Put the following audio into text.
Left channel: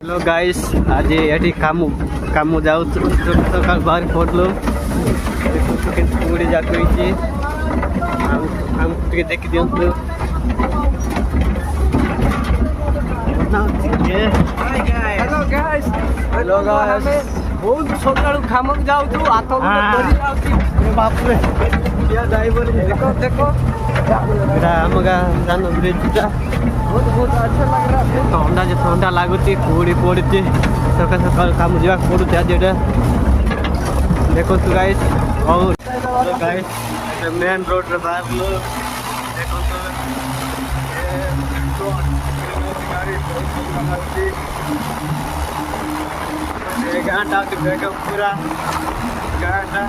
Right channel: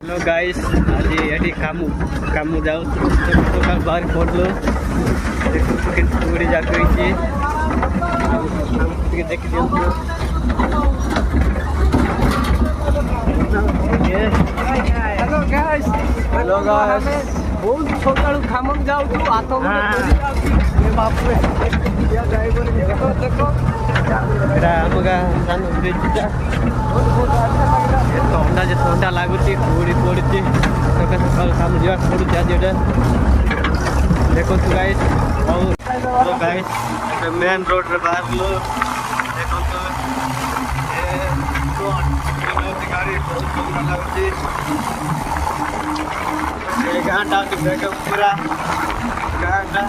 Hello guys, आज ये काम जाऊ सकाल बाहर पड़लो पूरी जाते देखी दिखु। हेलो गाइस बहुत सका खाम जाऊँ हाथ आम गाँ जान ब्रिज थंडा लगुच कुड़ी पड़ी सका सका काम जावा पड़ू आज देखो गाइस। और गाइस मेन रोड रे बाहर देखो गाँटा पूरा गाँटा